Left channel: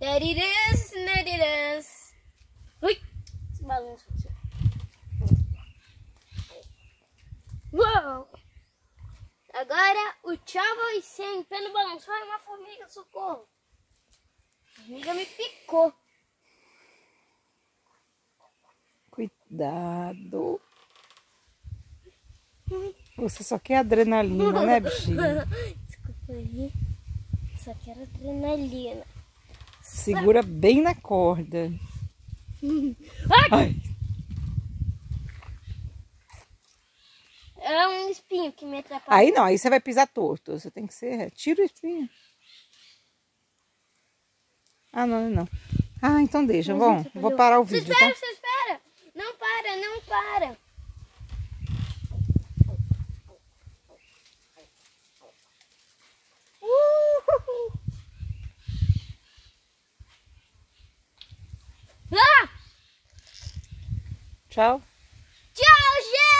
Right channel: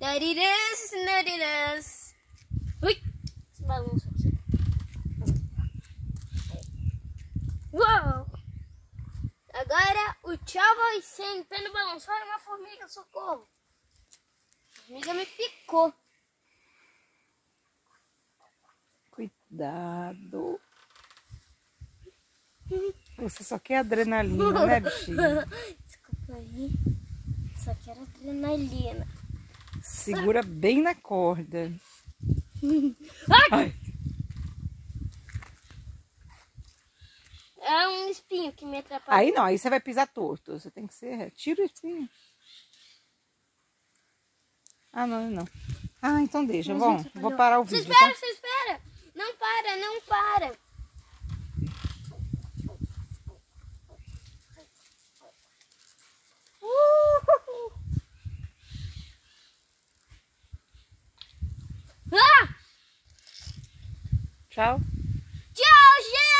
There it is, there it is. Ui, esse balanço aqui. Uou! Agora o tchau vai ser em pé no balanço. Olha uma formiga, socorro. A formiga me picou. Cuidado. Você só quer adrenalina, né, bichinho? Desculpa aí. Só quero adrenalina. Segura bem na corda. Ai. É um espinho que me atrapalha. Aí não, aí você vai pisar torto. Você tem que ser... Tira o espinho. Ah, não, não. Ah, então deixa. Mas Bom, vou parar o vídeo, Você espera, tá? você espera. Não para, não para. Ah! Tchau. Tchau, gente!